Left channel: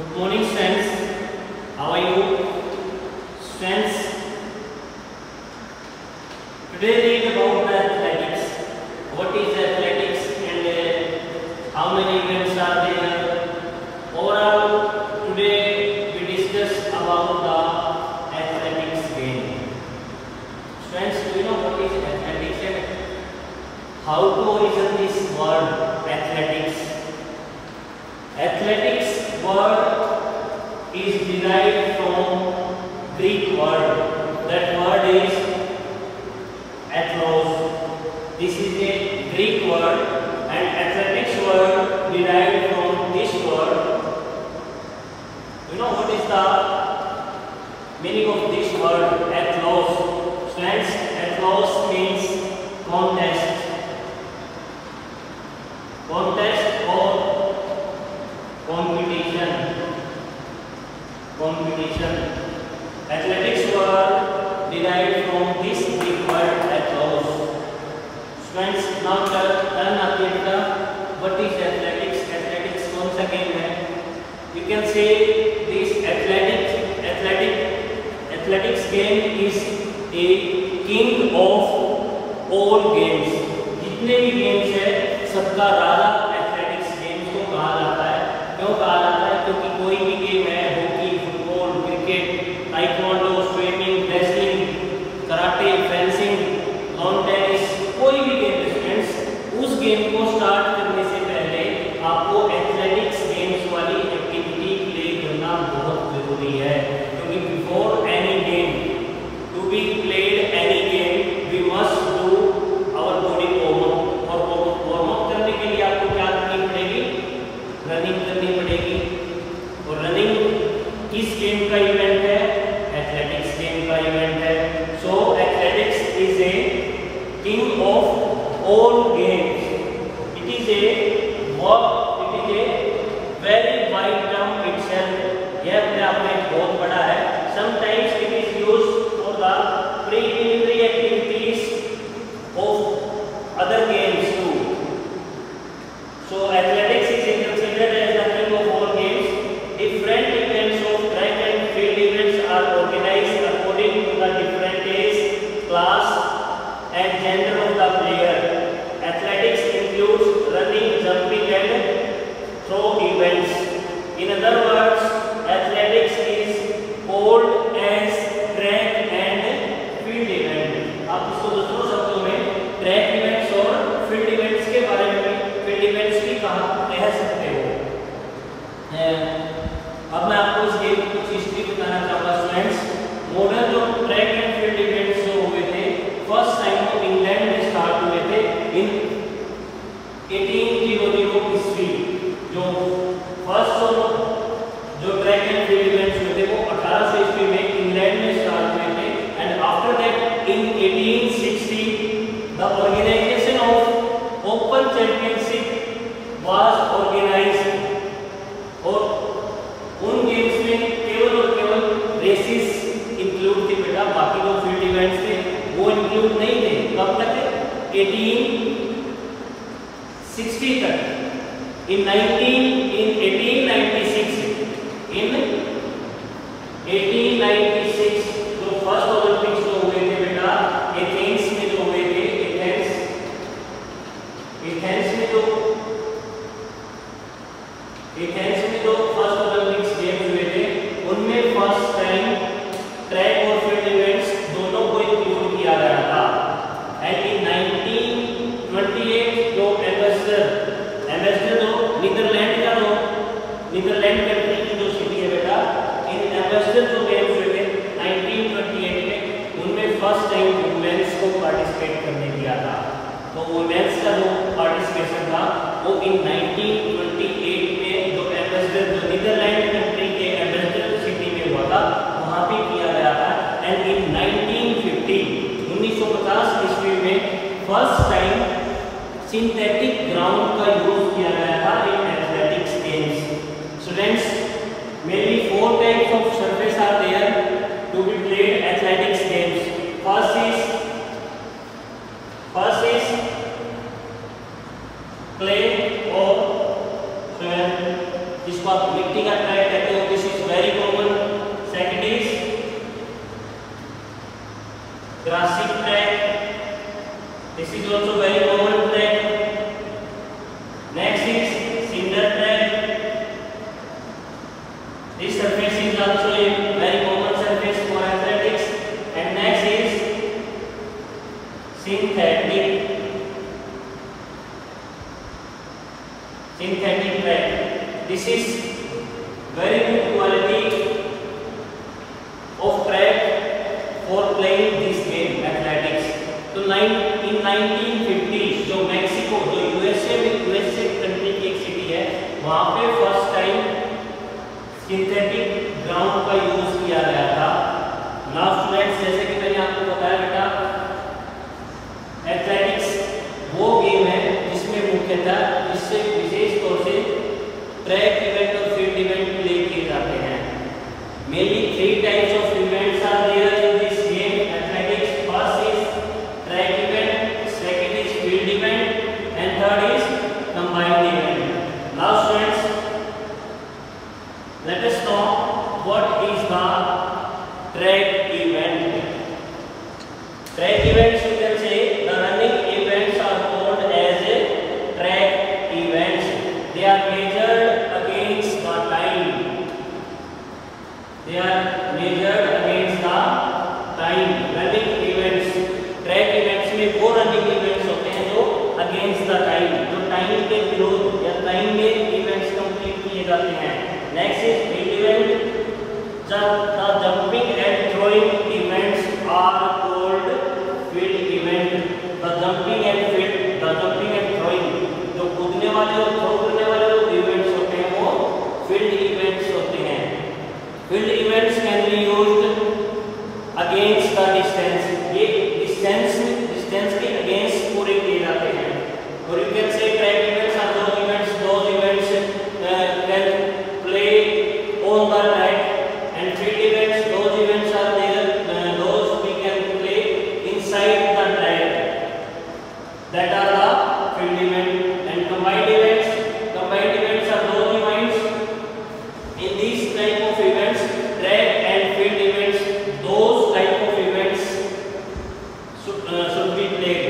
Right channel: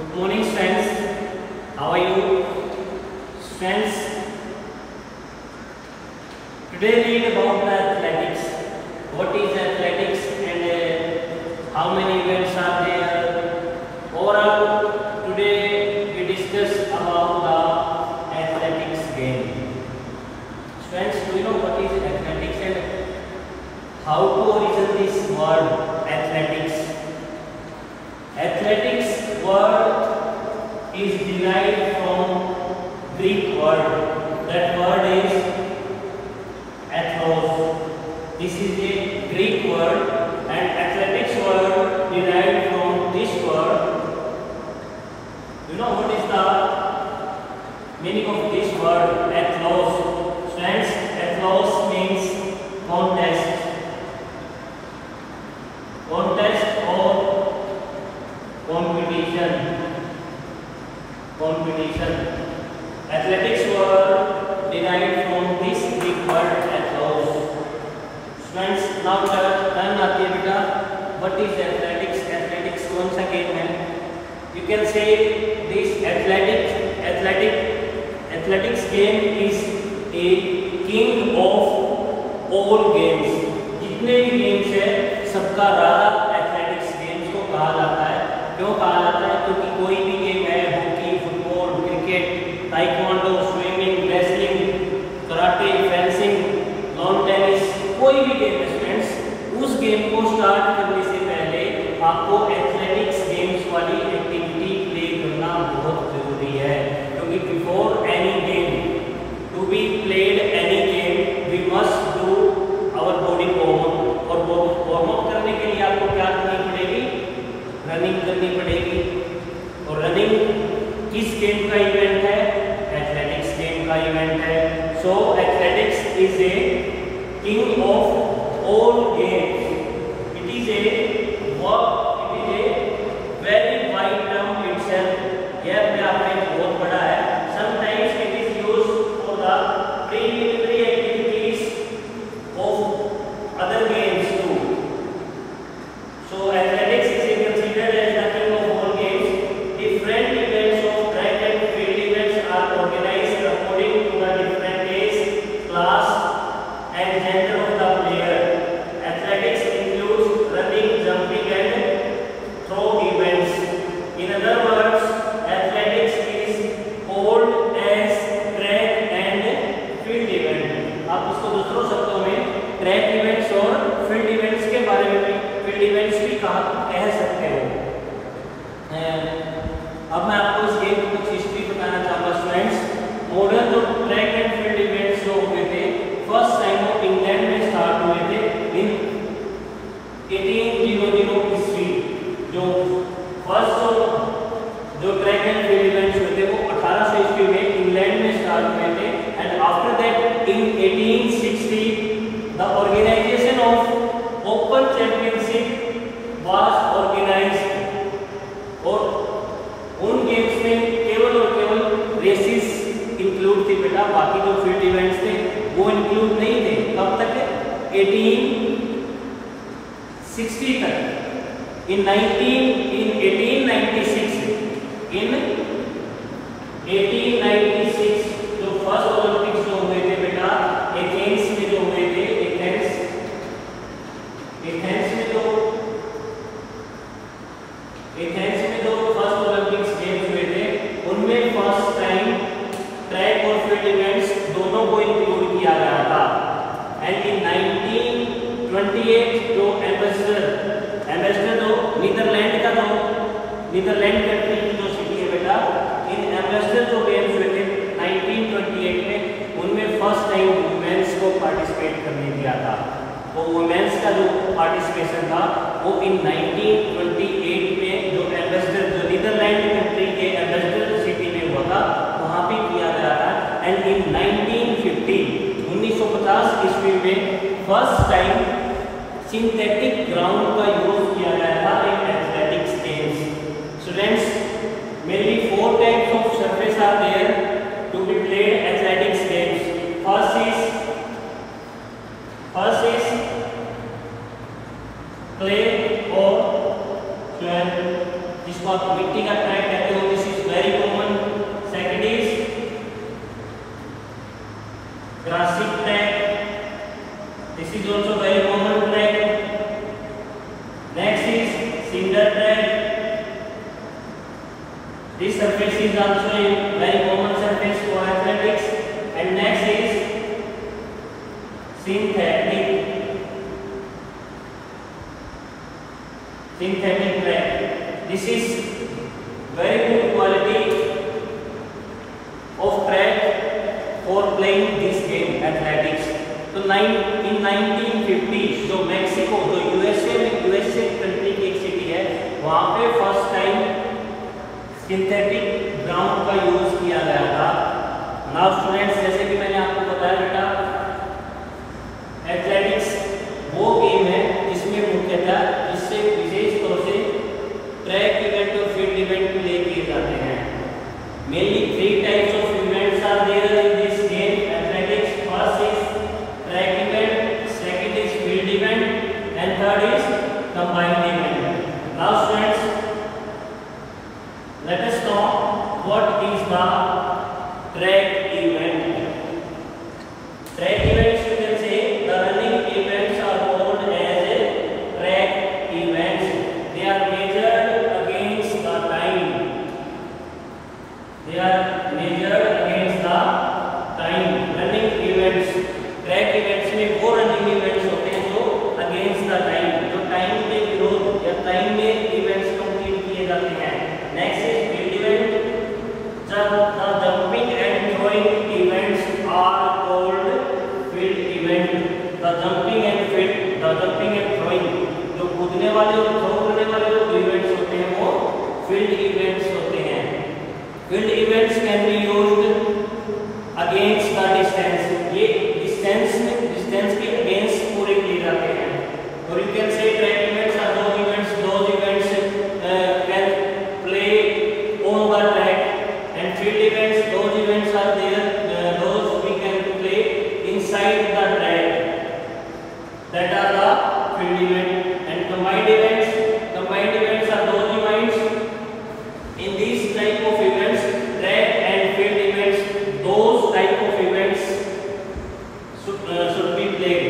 Good morning, students. How are you? Students, today read about the athletics. What is athletics and how many events are there? Overall, today we discuss about the athletics game. Students, do you know what is athletics and how to origin this word athletics? Athletics word is derived from Greek word. That word is athlos. This is a Greek word, and athletics word derived from this word. You know what is the meaning of this word athlos? Friends, athlos means contest. Contest or competition. Athletics were derived from this Greek word athlos. Students, now turn आती है बेटा. What is athletics? Athletics कौन सा गेम है? You can say this athletics game is a king of all games. जितने भी गेम्स है सबका राजा एथलेटिक्स गेम्स को कहा जाता है. क्यों कहा जाता है? क्योंकि कोई भी गेम है, hockey, football, cricket, taekwondo, swimming, wrestling, karate, fencing, lawn tennis, कोई भी गेम स्टूडेंट्स, उस गेम को स्टार्ट करने से पहले आपको एथलेटिक्स गेम्स वाली एक्टिविटी प्ले करना बहुत जरूरी है. क्योंकि before any game to be played any game we must do our body warm up. और वार्म अप करने के लिए आपको क्या करनी पड़ेगी? रनिंग करनी पड़ेगी. और रनिंग किस गेम का इवेंट है? एथलेटिक्स गेम का इवेंट है. So athletics is a king of all games. It is a very wide term itself. यह अपने आप में बहुत बड़ा है. Sometimes it is used for the preliminary activities of other games too. So athletics is considered as the king of all games. Different events of track and field events are organized according to the different age, class, and gender of the player. Athletics includes running, jumping, and throw events. In other words, athletics is called as track and field event. आप इसको दूसरों शब्दों में track events और field events के बारे में field events भी कह सकते हो. अब मैं आपको इस गेम की कुछ हिस्ट्री बताना चाहूँगा स्टूडेंट्स. मॉडर्न जो ट्रैक एंड फील्ड इवेंट्स जो हुए थे फर्स्ट टाइम वो इंग्लैंड में स्टार्ट हुए थे इन 1800 ईस्वी. जो फर्स्ट जो ट्रैक एंड फील्ड इवेंट्स हुए थे वो 1800 ईस्वी में इंग्लैंड में स्टार्ट हुए थे. And after that in 1860 the organisation of open championship was organised. और उन गेम्स में केवल और केवल रेसेस इंक्लूड थी बेटा. बाकी जो फील्ड इवेंट्स थे वो इंक्लूड नहीं थे. कब तक? 1860 तक. इन 1896 जो फर्स्ट ओलंपिक्स जो हुए थे बेटा एथेंस में जो हुए थे. एथेंस में जो फर्स्ट ओलंपिक्स गेम्स हुए थे उनमें फर्स्ट टाइम ट्रैक और फील्ड इवेंट्स दोनों को इंक्लूड किया गया था. एंड इन 1928 जो एम्बेसडर जो नीदरलैंड कंट्री की जो सिटी है बेटा, इन एम्बेसडर जो गेम्स हुए थे 1928 में उनमें फर्स्ट टाइम वुमेन्स को पार्टिसिपेट करने दिया था. तो वुमेन्स का जो पार्टिसिपेशन था वो इन 1928 में जो एम्बेसडर जो नीदरलैंड कंट्री के एम्बेसडर सिटी में हुआ था वहाँ पे किया गया था. एंड इन 1950 ईस्वी में फर्स्ट टाइम सिंथेटिक ग्राउंड का यूज किया गया था in athletics games. Students, mainly 4 types of surface are there to be played athletics games. First is clay और जिसको आप मिट्टी का ट्रैक कहते हो This is also very common track. Next is cinder track. This surface is actually very common surface for athletics. And next is synthetic track. This is very good quality of track for playing this game athletics. तो in 1950 जो मैक्सिको जो USA country की एक सिटी है, वहाँ पे first time synthetic ground का use किया गया था। नाउ स्टूडेंट्स, जैसे कि मैंने आपको बताया बेटा, एथलेटिक्स वो गेम है जिसमें मुख्यतः इससे विशेष तौर से ट्रैक इवेंट और फील्ड इवेंट प्ले किए जाते हैं। Mainly 3 types of events are there in this game athletics. First is track event, second is field event and third is combined event. Now students, let us talk what is the track event. Track events, you can say the running events are called as track events. They are measured against the time. They are measured against the time. Running events, track events में वो running events होते हैं जो against the time, जो time के विरोध या time में events complete किए जाते हैं। Next is field event. The jumping and throwing events are called field event. The jumping and throwing, जो कूदने वाले और थ्रो करने वाले जो इवेंट्स होते हैं वो फील्ड इवेंट्स होते हैं। Field events can be used against the distance. ये डिस्टेंस के अगेंस्ट पूरे किए जाते हैं। और you can say track events are those events can play on the track, and field events, those events are there, those we can play inside the track, that are the field event. And combined events are those events, in these type of events, track and field events, those type of events should be played.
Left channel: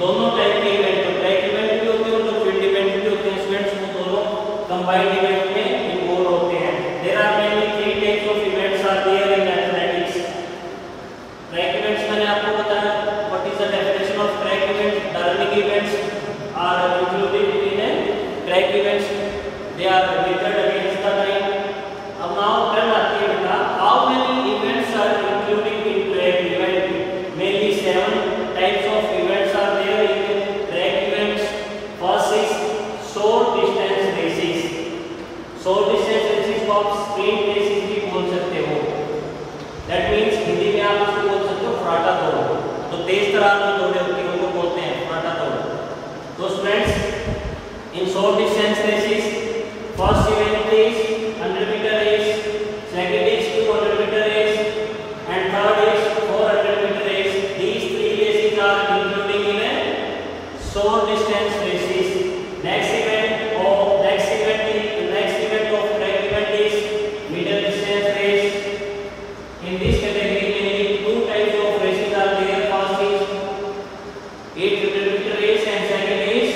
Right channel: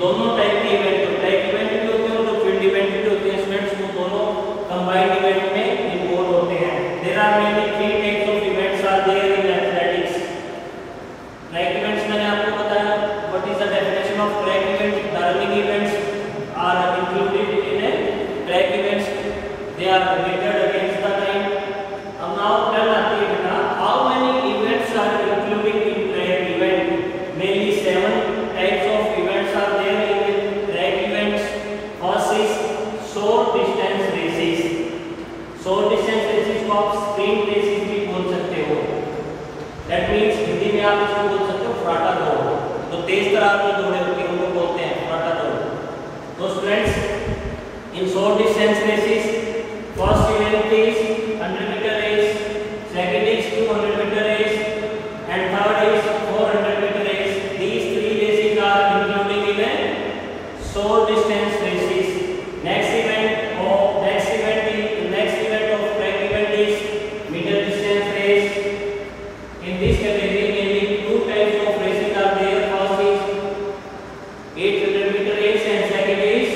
दोनों टाइप के इवेंट, तो track event भी होते हैं और field event भी होते हैं स्टूडेंट्स, वो दोनों कंबाइंड इवेंट में इन्वॉल्व होते हैं। There are mainly 3 types of events are there in athletics. Track events मैंने आपको बताया, what is the definition of track event? The running events are included in track events. They are measured against the time. अब now turn आती है बेटा, how many events are included in track event? Mainly 7 types of events are there in track events. First is short distance races. Short distance races को आप sprint races भी बोल सकते हो। दैट मींस हिंदी में आप इसको बोल सकते हो फराटा दौड़। तो तेज तरार की दौड़ें होती हैं उनको बोलते हैं फराटा दौड़। तो students, in short distance races first event is 100 metre race, second is 200 metre race and third is 400 metre race. These 3 races are including in short distance races. Next event of track event is middle distance race. In this category, mainly 2 types of races are there. First is 800 meter race and second is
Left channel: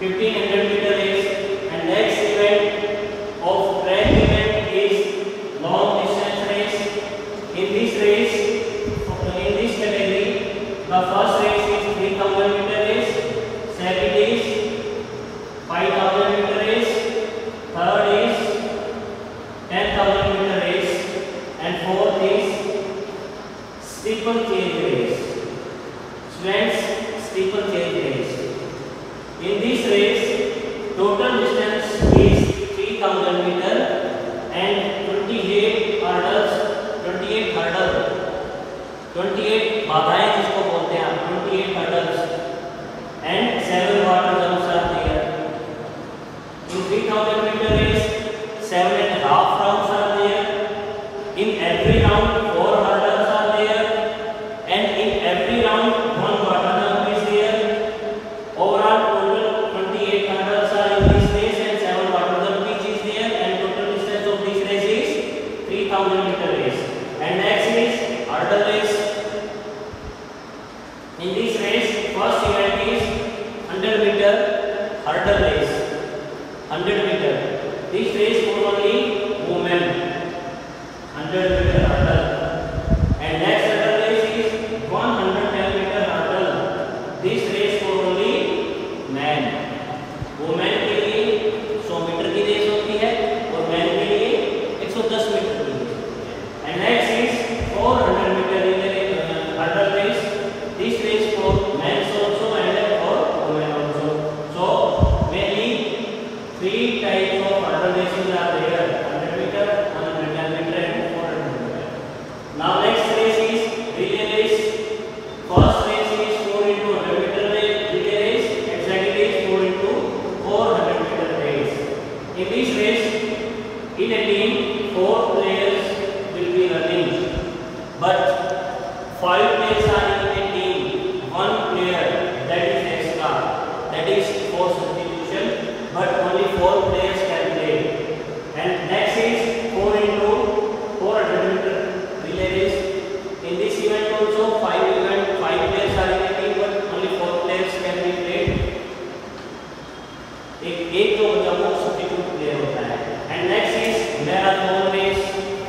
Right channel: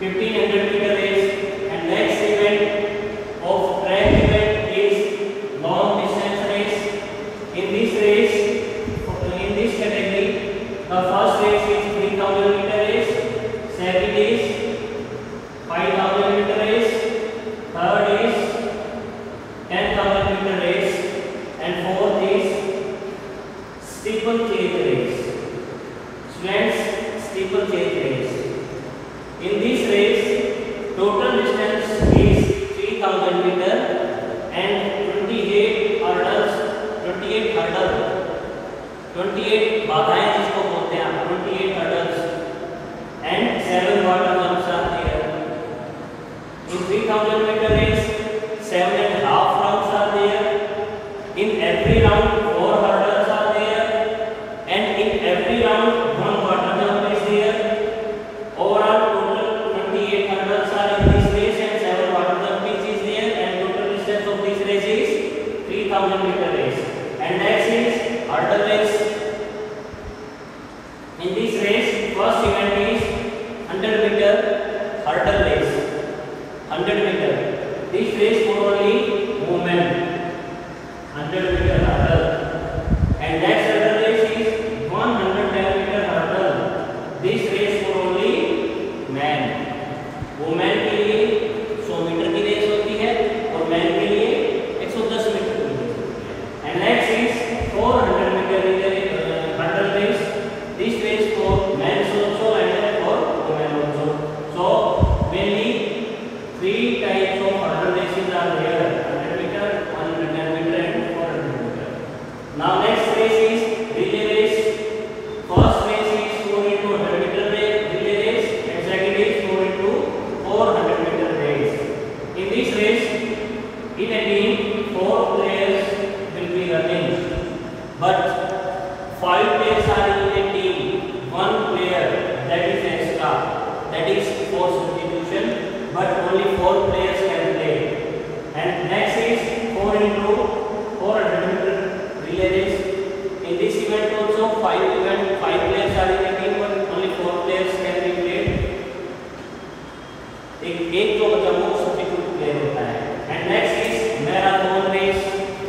1500 meter race. And next event of track event is long distance race. In this category, the first race is 3000 meter race, second is 5000 meter race, third is 10,000 meter race and fourth is steeplechase race. Students, steeplechase race. In this race, total distance is 3000 meter and 28 बाधाएं जिसको बोलते हैं आप, 28 hurdles and 7 water jumps are there. In 3000 meter race, 7.5 rounds are there. In every round, 4 hurdles are there, and in every round, 1 water jump is there. Overall, total 28 hurdles are in this race, and 7 water jump each is there, and total distance of this race is 3000 meter race. And next is hurdle race. In this race, only women 100 meter hurdle. And next other race is 110 meter hurdle. This race for only men. Women के लिए 100 मीटर की रेस होती है और मैन के लिए 110 मीटर की रेस होती है. And next is 400 meter hurdle race. This race for men also and for women also. So mainly 3 types of hurdle races are there: 100 meter, 110 meter, and 400 meter. Now next race is relay race. First race is 4 into 100 meter relay race, and second is 4 into 400 meter race. In this race, in a team, 4 players will be running, but 5 players are in a team. 1 player that is extra, that is for substitution, but only 4 players can play. And next is 4 into 400 meter relay race. In this event also 5 players are in a team, but only 4 players can be played. एक जो बचा वो substitute player होता है. And next is marathon race.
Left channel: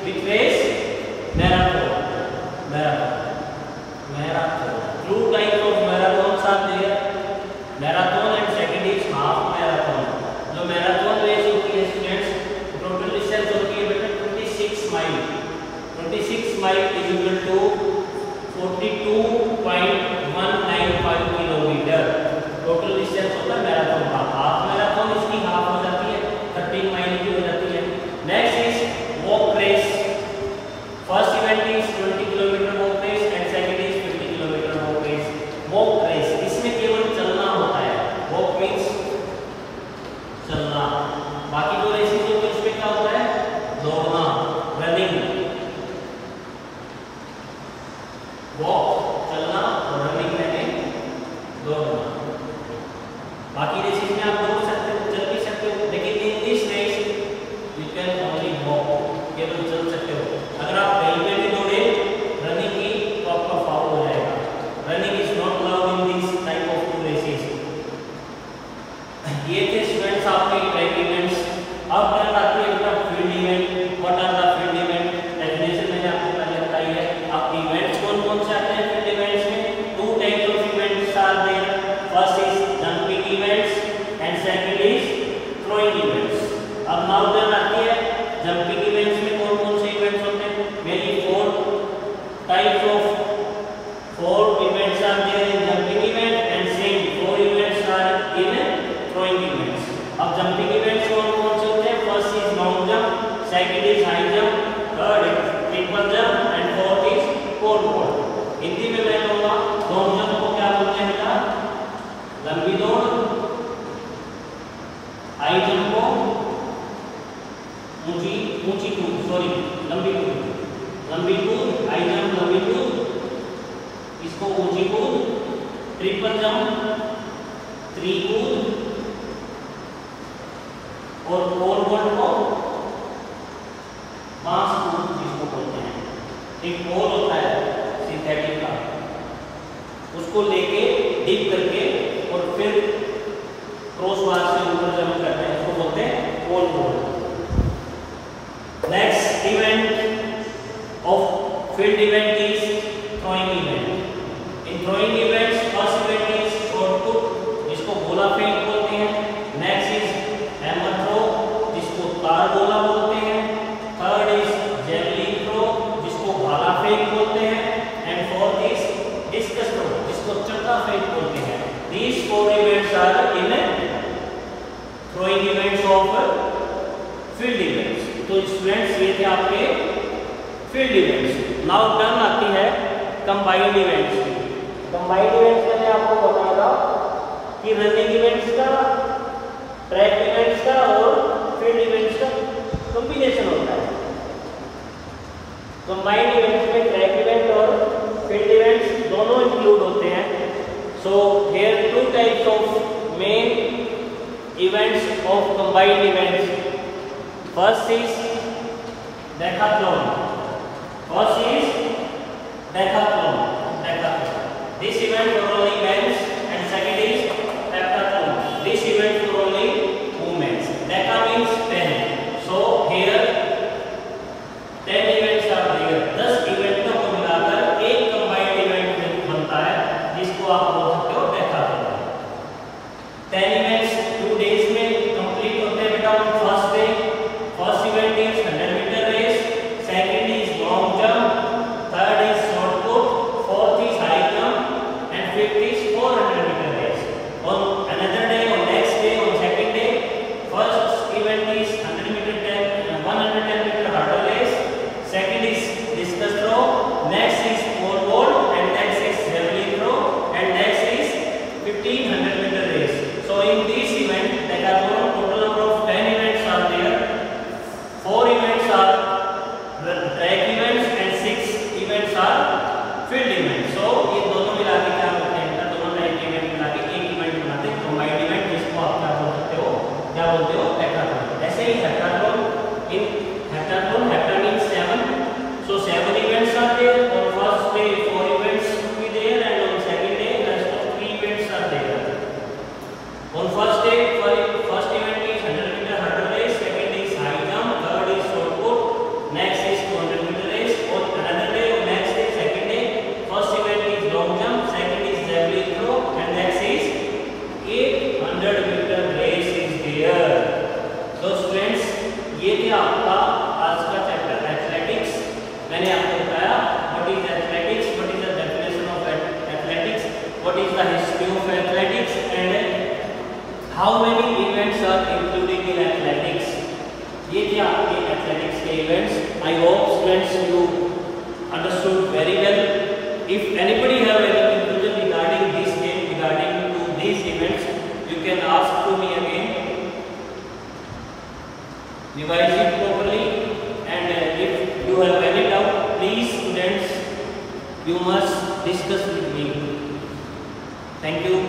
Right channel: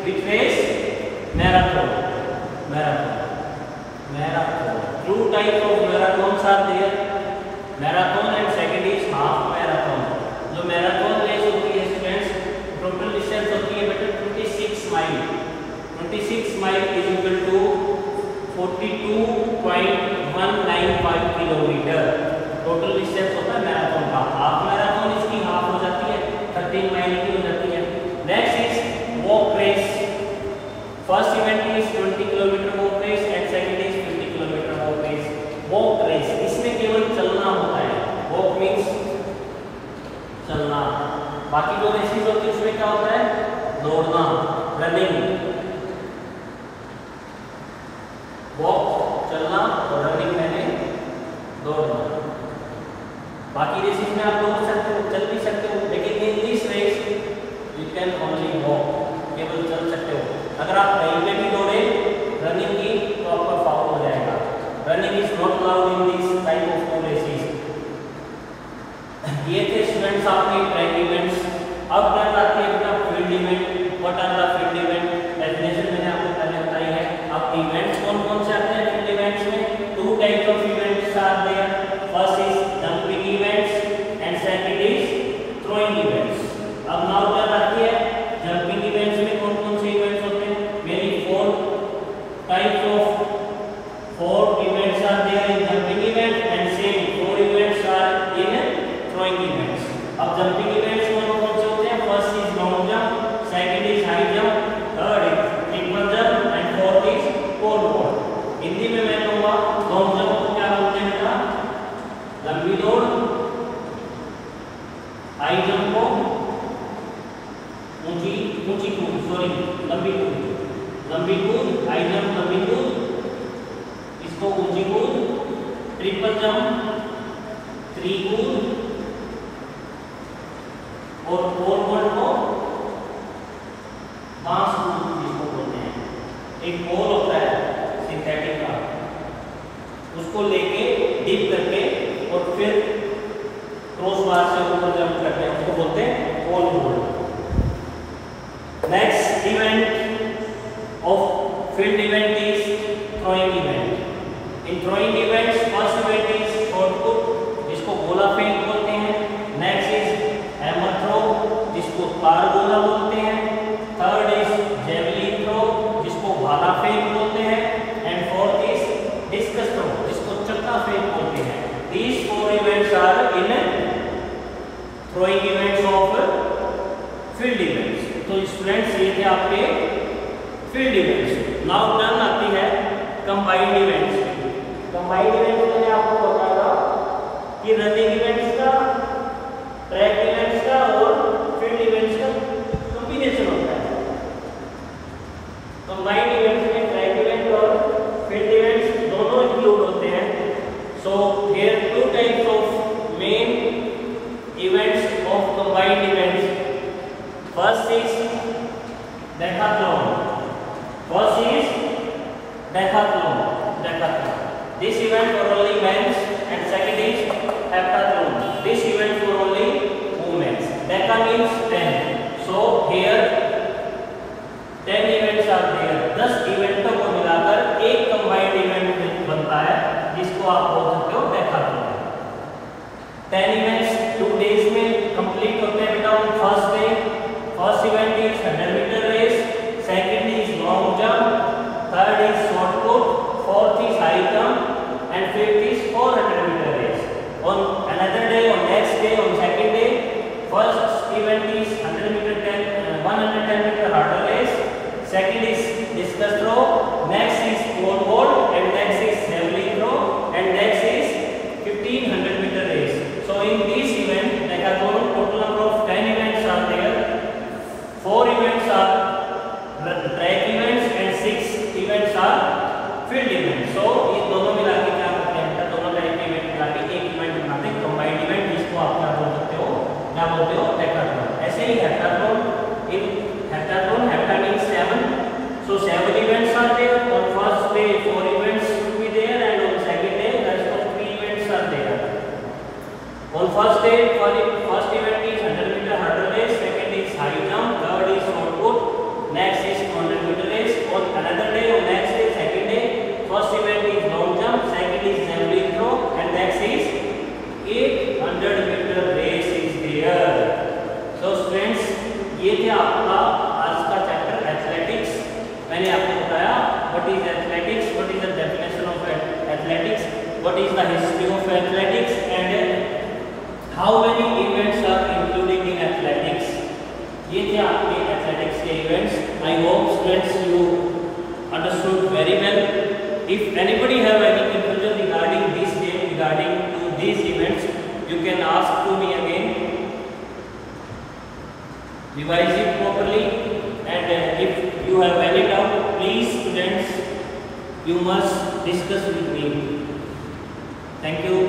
Which race? Marathon. Two types of marathons are there. Marathon and second is half marathon. जो marathon race होती है students, total distance होती है बेटा 26 mile. 26 mile is equal to 42.195 kilometre. Total distance होता है मैराथन का. Half marathon इसकी हाफ हो जाती है 13 माइल की हो जाती है. Next is walk race. First event is 20 kilometre walk race and second is 50 kilometre walk race. Walk race इसमें केवल चलना होता है. वॉक मींस चलना. बाकी जो रेसेस होती है उसमें क्या होता है? दौड़ना, रनिंग. वॉक चलना, रनिंग मैंने दौड़ना. बाकी रेसेस में आप दौड़ सकते हो, चल भी सकते हो, लेकिन in this race you can only walk. केवल चल सकते हो. अगर आप कहीं पे भी दौड़े रनिंग की तो आपका फाउल हो जाएगा. Running is not allowed in this type of races. ये थे स्टूडेंट्स आपके ट्रैक इवेंट्स. अब टर्न आती है field event. What are the field event? Definition मैंने आपको पहले बताई है. अब इवेंट्स कौन-कौन से आते हैं फील्ड इवेंट्स में? 2 types of events are there. First is jumping events and second is throwing events. अब नाउ टर्न आती है जंपिंग इवेंट्स में कौन-कौन से इवेंट्स होते हैं? Mainly 4 types of 4 events are there in jumping event and same 4 events are in throwing events. अब jumping events कौन-कौन से होते हैं? First is long jump, second is high jump, third is triple jump and fourth is pole vault. Hindi में मैं कहूंगा long jump को क्या बोलते हैं बेटा? लंबी दौड़. हाई जंप को ऊंची कूद, सॉरी लंबी कूद. हाई जंप लंबी कूद, इसको ऊंची कूद. ट्रिपल जंप त्रिकूद और पोल वॉल्ट को बांस कूद जिसको बोलते हैं. एक पोल होता है सिंथेटिक का, उसको लेके डीप करके और फिर क्रॉस बार से ऊपर जंप करते हैं, उसको बोलते हैं pole vault. Next event of field event is throwing event. In throwing events first event is shot put जिसको गोला फेंक बोलते हैं. नेक्स्ट इज हैमर थ्रो जिसको तार गोला बोलते हैं. थर्ड इज जेवलिन थ्रो जिसको भाला फेंक बोलते हैं. And fourth is discus throw जिसको चक्का फेंक बोलते हैं. These 4 events are in throwing events of field events. तो स्टूडेंट्स ये थे आपके फील्ड इवेंट्स. नाउ टर्न आती है कंबाइंड इवेंट्स. कंबाइंड इवेंट्स मैंने आपको बताया कि रनिंग इवेंट्स का, ट्रैक इवेंट्स का और फील्ड इवेंट्स का कॉम्बिनेशन होता है. कंबाइंड इवेंट्स में ट्रैक इवेंट और फील्ड इवेंट्स दोनों इंक्लूड होते हैं. So here 2 types of main events of combined events. First is decathlon. This event for only men, and second is heptathlon. This event for only women. Deca means 10. So here 10 events are there, 10 इवेंटों को मिलाकर एक combined event बनता है जिसको आप बोल सकते हो हैकाथॉन। 10 इवेंट्स 2 डेज में कंप्लीट होते हैं बेटा। On first day first event is 100 metre race, second is long jump, third is short put, fourth is high jump and fifth is 400 metre race. On another day, on next day, on second day, first event is 110 meter hurdle race, second is discus throw, next is pole vault, and next is javelin throw, and next is 1500 meter race. So in this event, there are total number of 10 events are there. 4 events are track events and 6 events are field events. So ये दोनों मिला के क्या करते हैं? दोनों टाइप के इवेंट मिला के एक इवेंट बनाते हैं, कंबाइंड इवेंट, जिसको आप क्या बोल सकते हो? क्या बोलते हो? हैकाथॉन। ऐसे ही हैकाथॉन, इन हैकाथॉन, हैका मींस 7, so 7 events are there. On first day 4 events will be there, and on second day rest of 3 events are there. On first day, first event is 100 meter hurdle race, second is high jump, third is short put, next is 200 meter race. On another day, on next day, second day, first event is long jump, second is javelin throw, and next is 800 meter race is there. So students, ये थे आपका आज का chapter athletics. मैंने आपको बताया what is athletics, what is the definition of athletics, what is the history of athletics, and how many events are included in athletics. ये थे आपके एथलेटिक्स के events. I hope students you understood very well. If anybody have any conclusion regarding this game, regarding to these events, you can ask to me again. Revise it properly, and if you have any doubt, please students, you must discuss with me. Thank you.